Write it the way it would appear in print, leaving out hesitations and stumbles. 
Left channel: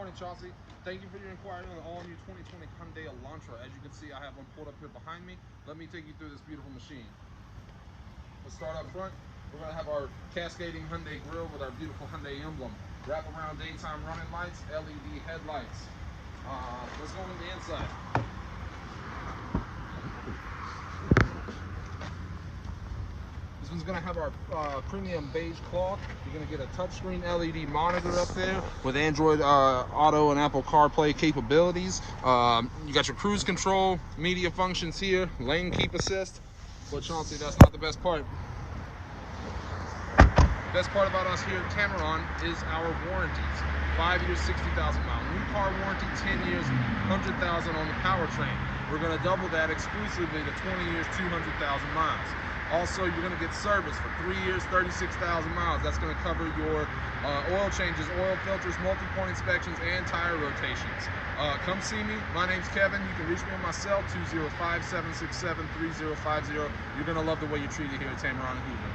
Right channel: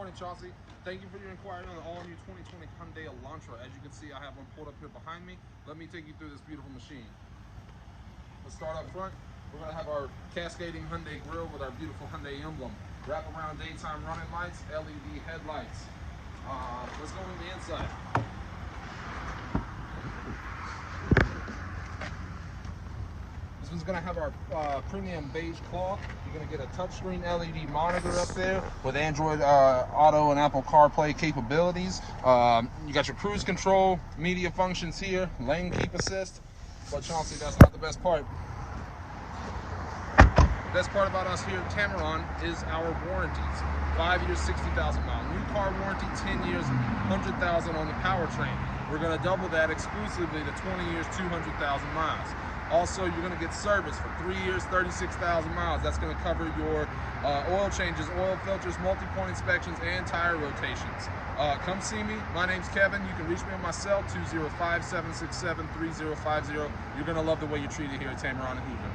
Morning, Chauncey. Thank you for your inquiry on the all-new 2020 Hyundai Elantra. As you can see, I have one pulled up here behind me. Let me take you through this beautiful machine. Let's start up front. We're going to have our cascading Hyundai grille with our beautiful Hyundai emblem. Wrap around daytime running lights, LED headlights. Let's go on the inside. This one's going to have our premium beige cloth. You're going to get a touchscreen LED monitor up there with Android Auto and Apple CarPlay capabilities. You got your cruise control, media functions here, lane keep assist. But Chauncey, that's not the best part. The best part about us here at Tameron is our warranties. 5 years, 60,000 miles. New car warranty, 10 years, 100,000 on the powertrain. We're going to double that exclusively to 20 years, 200,000 miles. Also, you're going to get service for 3 years, 36,000 miles. That's going to cover your oil changes, oil filters, multi-point inspections, and tire rotations. Come see me. My name's Kevin. You can reach me on my cell, 205-767-3050. You're going to love the way you're treated here at Tameron and Hoover.